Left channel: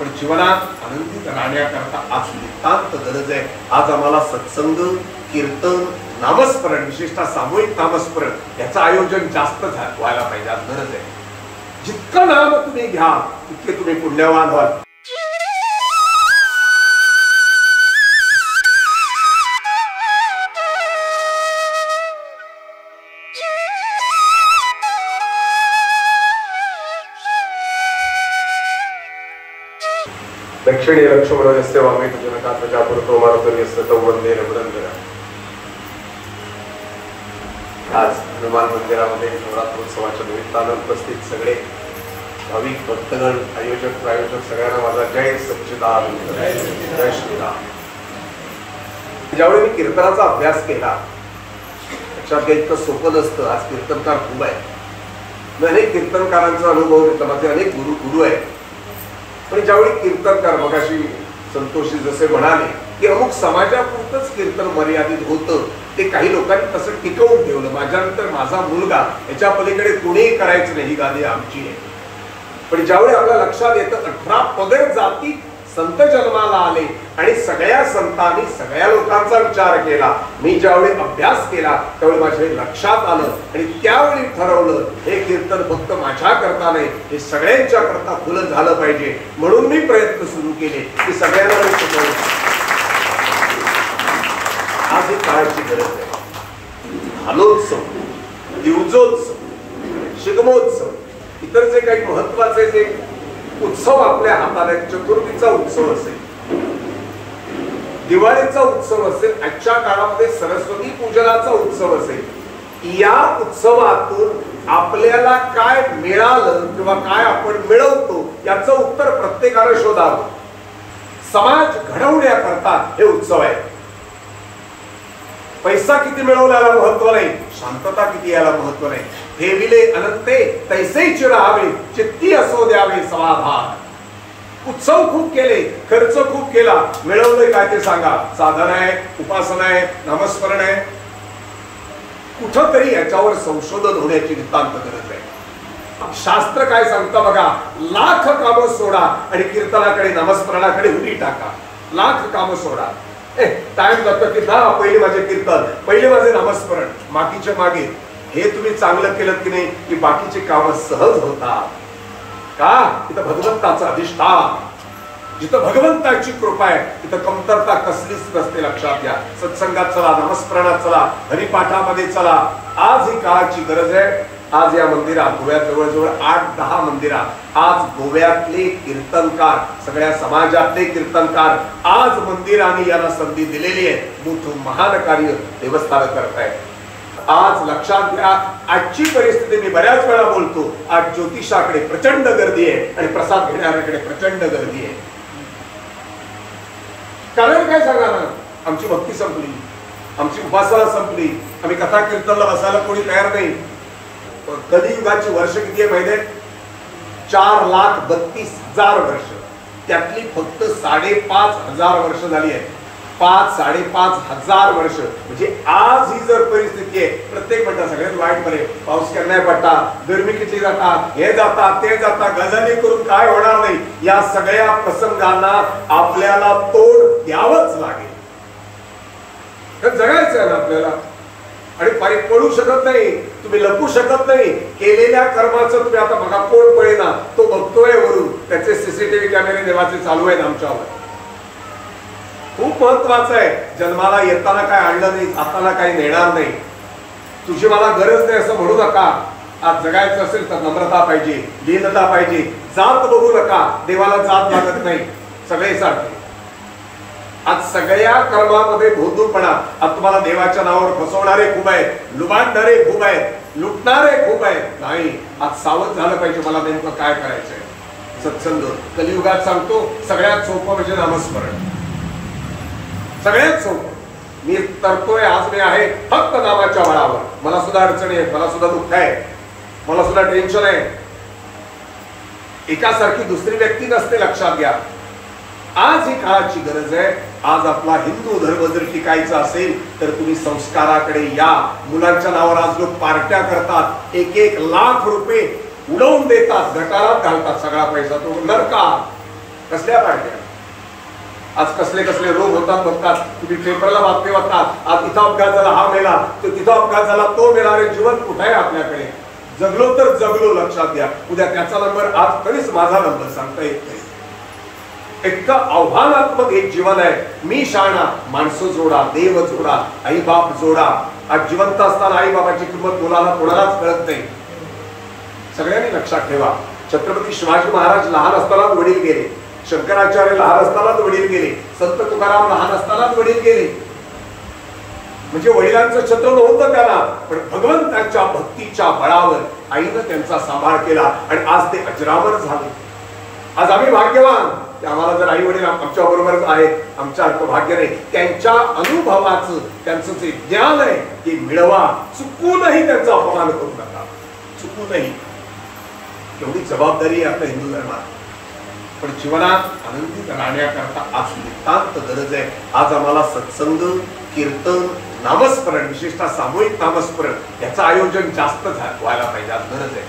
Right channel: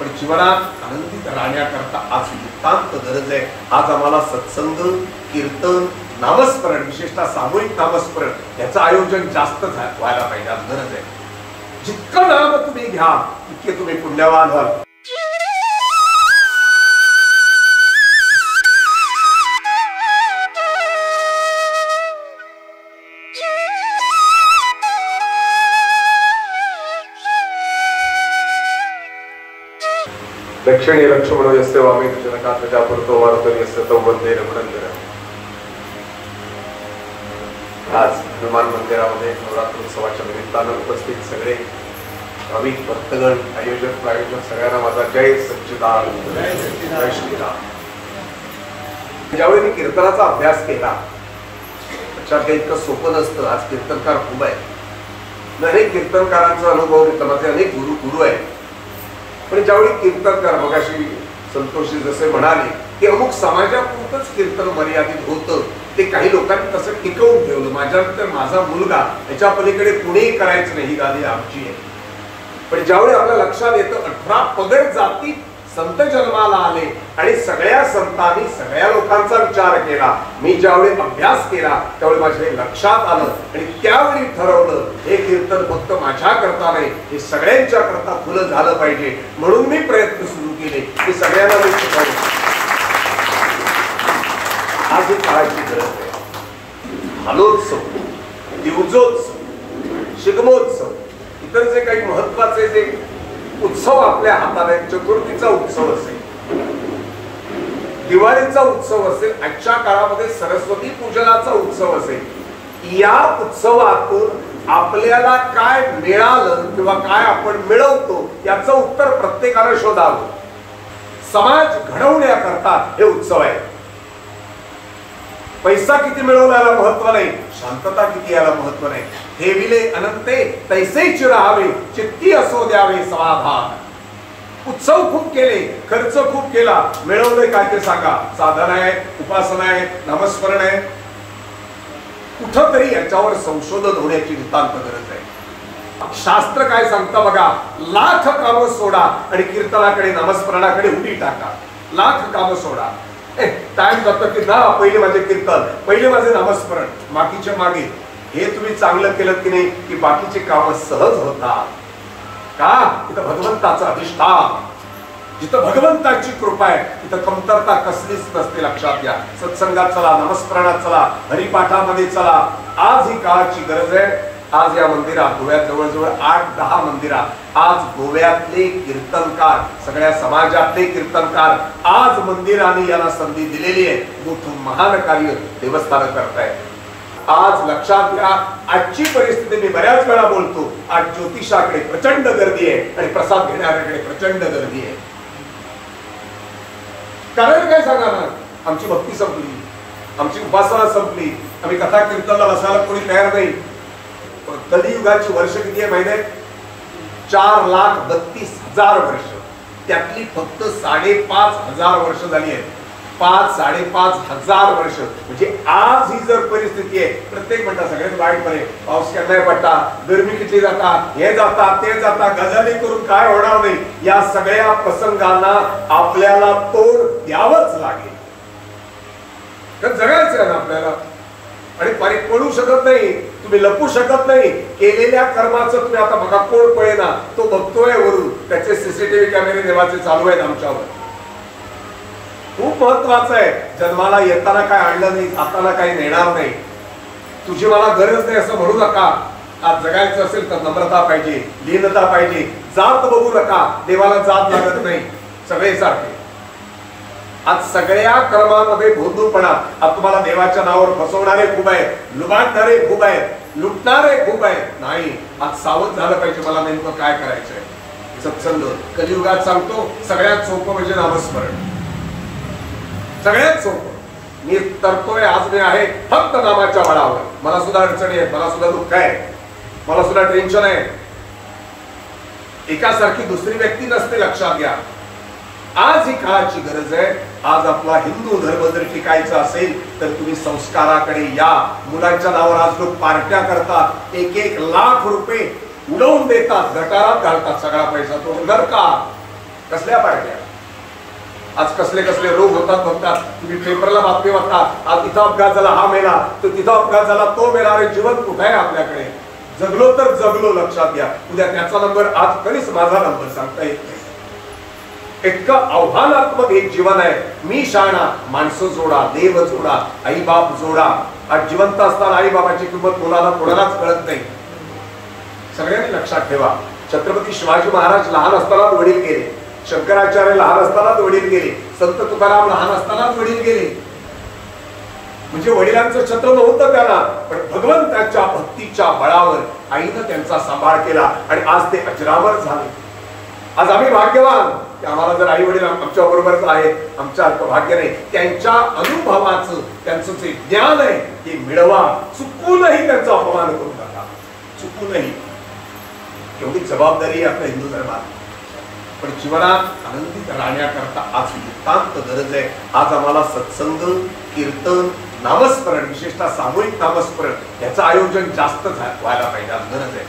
पण जीवनात आनंदित राहण्याकरता आज नितांत गरज आहे. आज आम्हाला सत्संग, कीर्तन, नामस्मरण, विशेषतः सामूहिक नामस्मरण याचं आयोजन जास्त व्हायला पाहिजे. आज गरज आहे. जितकं नाम तुम्ही घ्या तितके तुम्ही पुण्यवान व्हाल. दक्षिणी लक्ष्मण यस्य वामे जनका प्रजापतो मारुतं यस्य तं वन्दे रघुनन्दनम्. आज हनुमान मंदिरामध्ये नवरात्रोत्सवाच्या निमित्तानं उपस्थित सगळे भाविक भक्तगण, आयोजक, प्रायोजक सगळ्यांना माझा जय सच्चिदानंद, जय श्रीराम. ज्यावेळी मी कीर्तनाचा अभ्यास केला लक्षात काही इतकं सोपं नसतं. आज कीर्तनकार खूप आहे. मी अनेक कीर्तनकारांचा अनुभव घेतला. माझे अनेक गुरु आहेत. पण ज्यावेळी कीर्तनकार मगाशी संतोषी जसे म्हणाले की अमुक समाजापुरतंच कीर्तन मर्यादित होतं, ते काही लोकांनी तसं टिकवून ठेवलं. माझ्यानंतर माझा मुलगा याच्या पलीकडे कोणीही करायचं नाही, ही गादी आमची आहे. पण ज्यावेळी आपल्या लक्षात येतं 18 पगड जाती संत जन्माला आले आणि सगळ्या संतांनी सगळ्या लोकांचा विचार केला. मी ज्यावेळी अभ्यास केला त्यावेळी माझ्या लक्षात आलं आणि त्यावेळी ठरवलं हे कीर्तन फक्त माझ्या करता नाही, हे सगळ्यांच्या करता खुलं झालं पाहिजे. म्हणून मी प्रयत्न सुरू केले की सगळ्यांना मी शिकवलं. आज ही काळाची गरज आहे. हालोत्सव, दिवजोत्सव, शिगमोत्सव, इतर जे काही महत्वाचे जे उत्सव आपल्या हातात आहेत, चतुर्थीचा उत्सव असेल, दिवाळीचा उत्सव असेल, आजच्या काळामध्ये सरस्वती पूजनाचा उत्सव असेल, या उत्सवातून आपल्याला काय मिळालं किंवा काय आपण मिळवतो याचं उत्तर प्रत्येकाला शोधावं. समाज घडवण्याकरता हे उत्सव आहे. पैसा किती मिळवला याला महत्व नाही, शांतता किती याला महत्व नाही. ठेविले अनंते तैसेच राहावे, चित्ती असो द्यावे समाधान. उत्सव खूप केले, खर्च खूप केला, मिळवले काय ते सांगा. साधन आहे, उपासना आहे, नामस्मरण आहे. कुठंतरी याच्यावर संशोधन होण्याची नितांत गरज आहे. शास्त्र काय सांगता बघा, लाख कामं सोडा आणि कीर्तनाकडे, नामस्मरणाकडे उडी टाका. लाख कामं सोडा. टाइम जातो की ना, पहिले माझे कीर्तन, पहिले माझे नामस्मरण, बाकीचे मागे. हे तुम्ही चांगलं केलं की नाही की बाकीचे कामं सहज होतात. का? तिथं भगवंताचं अधिष्ठान, जिथं भगवंताची कृपा आहे तिथं कमतरता कसलीच नसते. लक्षात घ्या. सत्संगात चला, नामस्मरणात चला, हरिपाठामध्ये चला. आज ही काळाची गरज आहे. आज या मंदिरात, गोव्यात जवळजवळ 8-10 मंदिरात आज गोव्यातले कीर्तनकार, सगळ्या समाजातले कीर्तनकार आज मंदिराने याला संधी दिलेली आहे. मोठं महान कार्य देवस्थान करताय. आज लक्षात घ्या, आजची परिस्थिती मी बऱ्याच वेळा बोलतो, आज ज्योतिषाकडे प्रचंड गर्दी आहे आणि प्रसाद घेणाऱ्याकडे प्रचंड गर्दी आहे. कारण काय सांगा ना, आमची भक्ती संपली, आमची उपासना संपली, आम्ही कथा कीर्तनाला बसायला कोणी तयार नाही. कलियुगाची वर्ष किती आहे माहिती आहे? 4,32,000 वर्ष. त्यातली फक्त 5,500 वर्ष झाली आहेत. 5,000-5,500 वर्ष म्हणजे आज ही जर परिस्थिती आहे. प्रत्येक म्हणता सगळ्यात वाईट बरे, पाऊस केला नाही पडता, गरमी किती जाता, हे जाता ते जाता, गजाली करून काय होणार नाही. या सगळ्या प्रसंगांना आपल्याला तोंड द्यावंच लागेल. जगायचं आहे ना आपल्याला. आणि पळू शकत नाही, तुम्ही लपू शकत नाही. केलेल्या कर्माचं तुम्ही आता बघा, कोण पळेना तो बघतोय वरून. त्याचे सीसीटीव्ही कॅमेरे देवाचे चालू आहेत आमच्यावर. खूप महत्वाचं आहे. जन्माला येताना काय आणलं नाही, जाताना काही नेणार नाही. तुझी मला गरज नाही असं म्हणू नका. आज जगायचं असेल तर नम्रता पाहिजे, लीनता पाहिजे. जात बघू नका, देवाला जात लागत नाही, सगळे सारखे. आज सगळ्या कर्मामध्ये भोंदूपणा. आज तुम्हाला देवाच्या नावावर फसवणारे खूप आहेत, लुबाडणारे खूप आहेत, लुटणारे खूप आहेत. नाही, आज सावध झालं पाहिजे. मला नेमकं काय करायचंय. सत्संग कलियुगात सांगतो सगळ्यात सोपं म्हणजे नामस्मरण. सगळ्यात सोपं. मी तरतोय, आज मी आहे फक्त नामाच्या बळावर. मला सुद्धा अडचणी आहेत, मला सुद्धा दुःख आहे, मला सुद्धा टेन्शन आहे. एकासारखी दुसरी व्यक्ती नसते. लक्षात घ्या. आज ही काळाची गरज आहे. आज आपला हिंदू धर्म जर टिकायचा असेल तर तुम्ही संस्काराकडे या. मुलांच्या नावावर आज लोक पार्ट्या करतात, 1-1 लाख रुपये उडवून देतात, गटारात घालतात. सगळा पैसा तो नरकात. कसल्या पार्ट्या? आज कसले कसले रोग होतात बघतात तुम्ही, पेपरला बातमी वाचतात, आज इथं अपघात झाला हा मेला, तर तिथं अपघात झाला तो मेला. अरे जीवन कुठे आहे आपल्याकडे? जगलो तर जगलो, लक्षात घ्या. उद्या त्याचा नंबर, आज कधीच माझा नंबर सांगता येत नाही. इतकं आव्हानात्मक एक जीवन आहे. मी शाळा, माणसं जोडा, देव जोडा, आई बाप जोडा. आज जिवंत असताना आई बाबाची किंमत मुलाला कोणालाच कळत नाही. सगळ्यांनी लक्षात ठेवा, छत्रपती शिवाजी महाराज लहान असतानाच वडील गेले, शंकराचार्य लहान असतानाच वडील गेले, संत तुकाराम लहान असतानाच वडील गेले. म्हणजे वडिलांचं छत्र नव्हतं त्याला, पण भगवंताच्या भक्तीच्या बळावर आईनं त्यांचा सांभाळ केला आणि आज ते अजरामर झाले. आज आम्ही भाग्यवान, आम्हाला जर आई वडील आमच्या बरोबरच आहेत, आमच्या भाग्य नाही. त्यांच्या अनुभवाचं, त्यांचं जे ज्ञान आहे ते मिळवा. चुकूनही त्यांचा अपमान करू नका, चुकूनही. एवढी जबाबदारी आहे आपल्या हिंदू धर्मात. पण जीवनात आनंदित राहण्याकरता आज नितांत गरज आहे. आज आम्हाला सत्संग, कीर्तन, नामस्मरण, विशेषतः सामूहिक नामस्मरण याचं आयोजन जास्त व्हायला पाहिजे. आज गरज आहे.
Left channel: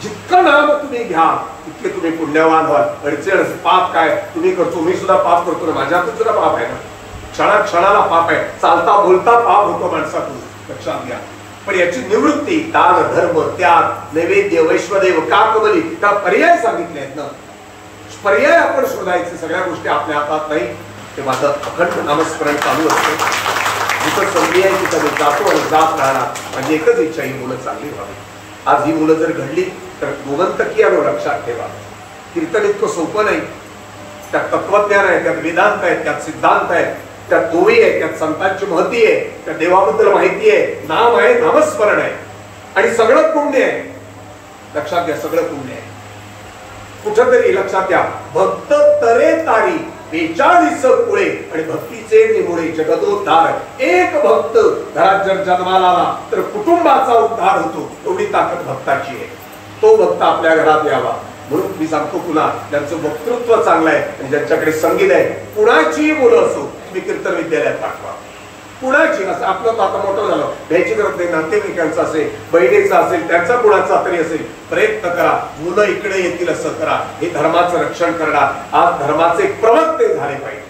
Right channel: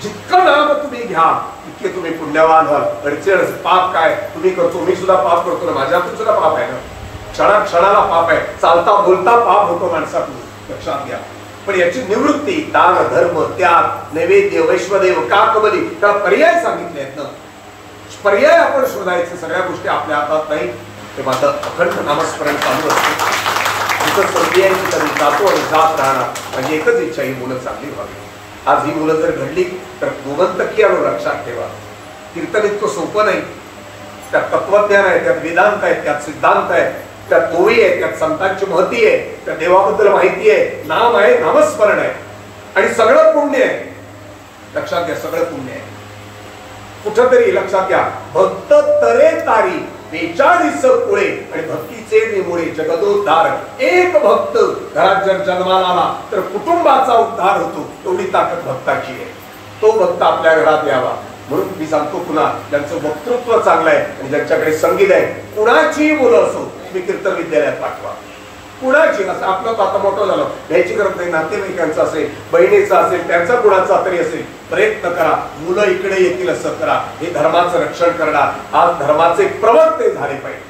जितकं नाम तुम्ही घ्या तितके तुम्ही पुण्यवान व्हाल. अडचण पाप काय तुम्ही करतो, मी सुद्धा पाप करतो ना, माझ्यातून सुद्धा पाप आहे ना, क्षणाक्षणाला पाप आहे, चालता बोलता पाप होतो माणसातून, लक्षात घ्या. पण याची निवृत्ती दान, धर्म, त्याग, नैवेद्य, वैश्वदेव, काकबली, त्याला पर्याय सांगितले आहेत ना. पर्याय आपण शोधायचे. सगळ्या गोष्टी आपल्या हातात नाही. ते मात्र अखंड नामस्मरण चालू असते. जिथं संधी आहे तिथं मी जातो आणि जात राहणार. म्हणजे एकच इच्छा, ही मुलं चांगली व्हावी. आज ही मुलं जर घडली तर गोमंतकी आहे, लक्षात ठेवा. कीर्तन इतकं सोपं नाही. त्यात तत्वज्ञान आहे, त्यात वेदांत आहे, त्यात सिद्धांत आहे, त्यात ओवी आहे, त्यात संतांची महती आहे, त्यात देवाबद्दल माहिती आहे, नाम आहे, नामस्मरण आहे आणि सगळं पुण्य आहे. लक्षात घ्या, सगळं पुण्य आहे. कुठंतरी लक्षात घ्या, भक्त तरे तारी 42 कुळे आणि भक्तीचे निमुळे जगदोद्धार. एक भक्त घरात जर जन्माला आला तर कुटुंबाचा उद्धार होतो. एवढी ताकद भक्ताची आहे. तो भक्त आपल्या घरात यावा. म्हणून मी सांगतो पुन्हा, ज्यांचं वक्तृत्व चांगलं आहे आणि ज्यांच्याकडे संगीत आहे, कुणाची मुलं असो तुम्ही कीर्तन विद्यालयात पाठवा. कुणाची असं, आपलं तर आता मोठं झालं, घ्यायची गरज नाही. नातेवाईकांचा असेल, बहिणीचा असेल, त्यांचा कुणाचा तरी असेल, प्रयत्न करा. मुलं इकडे येतील असं करा. हे धर्माचं रक्षण करणार. आज धर्माचे प्रवक्ते झाले पाहिजे.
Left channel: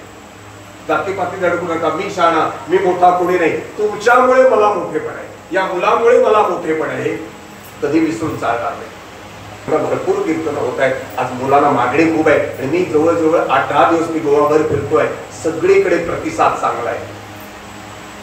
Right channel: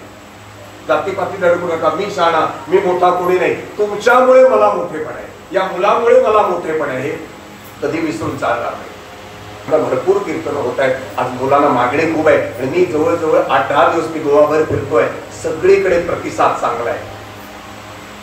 जातीपाती धडकू नका. मी शाळा, मी मोठा कोणी नाही, तुमच्यामुळे मला मोठेपण आहे, या मुलामुळे मला मोठेपण आहे, हे कधी विसरून चालणार नाही. भरपूर कीर्तन होत आहेत. आज मुलांना मागणी खूप आहे आणि मी जवळजवळ 8-10 दिवस मी गोवाभर फिरतोय. सगळीकडे प्रतिसाद चांगला आहे.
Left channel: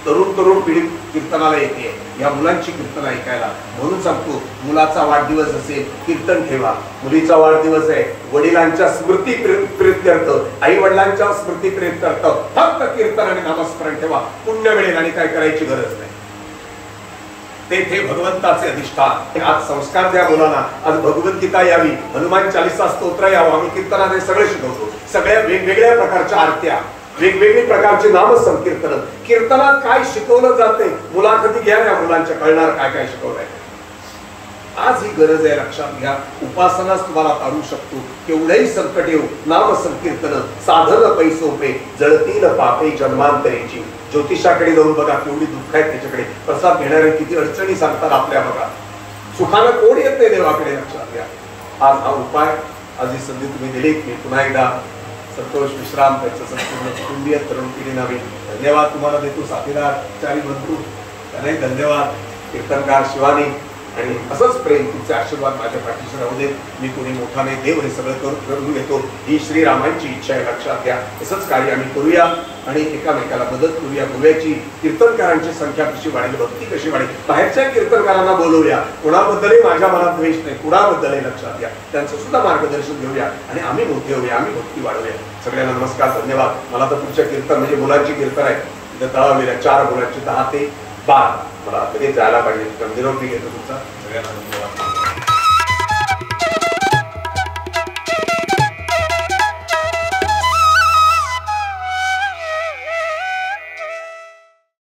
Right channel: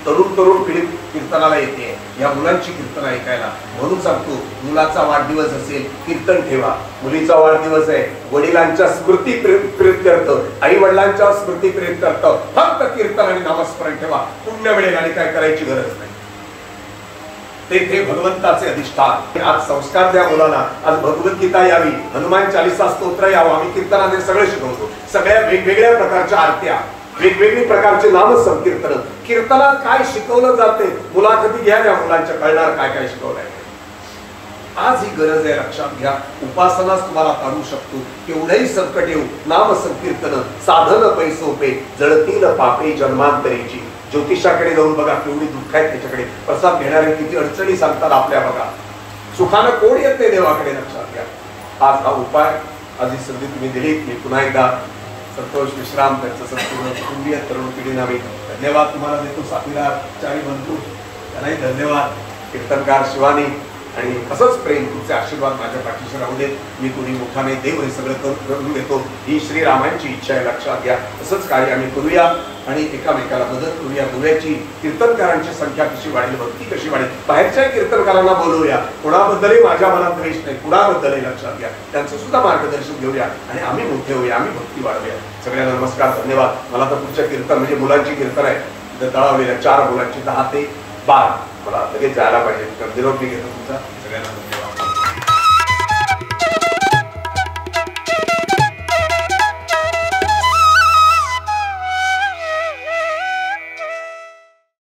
तरुण पिढी कीर्तनाला येते, या मुलांची कीर्तन ऐकायला. म्हणून सांगतो, मुलाचा वाढदिवस असेल कीर्तन ठेवा. मुलीचा वाढदिवस आहे, वडिलांच्या स्मृती प्रीत्यर्थ, आई वडिलांच्या स्मृती प्रीत्यर्थ फक्त कीर्तन आणि नामस्मरण ठेवा. पुण्य मिळेल आणि काय करायची गरज नाही. ते भगवंताचे अधिष्ठान. आज संस्कार द्या मुलाला. आज भगवद्गीता यावी, हनुमान चालीसा स्तोत्र यावं. आम्ही कीर्तनाने सगळं शिकवतो. सगळ्या वेगवेगळ्या प्रकारच्या आरत्या, वेगवेगळी प्रकारचे नामसंकीर्तन. कीर्तनात काय शिकवलं जाते मुला कधी घ्याव्या, मुलांच्या कळणार काय काय शिकवलंय. आज ही गरज आहे, लक्षात घ्या. उपासनाच तुम्हाला तारू शकतो. केवढ्याही संकट येऊ, नामसंकीर्तन साधन पैसोपे, जळतील पापे जन्मांतरेची. ज्योतिषाकडे जाऊन बघा, केवढी दुःख आहेत त्याच्याकडे. प्रसाद घेणारे किती अडचणी सांगतात आपल्या. बघा, सुखानं कोण येत नाही देवाकडे, लक्षात घ्या. आज हा उपाय, आज ही संधी तुम्ही दिलीत. मी पुन्हा एकदा संतोष विश्राम, त्यांचं संपूर्ण कुटुंबीय तरुण पिढी नावे धन्यवाद तुम्हाला देतो. साथीदार, चारी बंधू, त्यालाही धन्यवाद. कीर्तनकार शिवानी, आणि असंच प्रेम, तुमचे आशीर्वाद माझ्या पाठीशी राहू देत. मी कोणी मोठा नाही, देव हे सगळं करून घेतो. ही श्रीरामांची इच्छा आहे, लक्षात घ्या. तसंच कार्य आम्ही करूया आणि एकामेकाला मदत करूया. बोलायची कीर्तनकारांची संख्या कशी वाढेल, भक्ती कशी वाढेल. बाहेरच्या कीर्तनकारांना बोलवूया. कोणाबद्दलही माझ्या मनात द्वेष नाही, कुणाबद्दलही, लक्षात घ्या. त्यांचं सुद्धा मार्गदर्शन घेऊया आणि आम्ही मोठे होऊया, आम्ही भक्ती वाढवूया. सगळ्यांना नमस्कार, धन्यवाद. मला तर तुमच्या कीर्तन म्हणजे मुलांची कीर्तन आहे, तळावलेल्या 4 मुलांची 10 ते 12. मला लगेच जायला पाहिजे. निरोप मी घेतो तुमचा. सगळ्यांना धन्यवाद.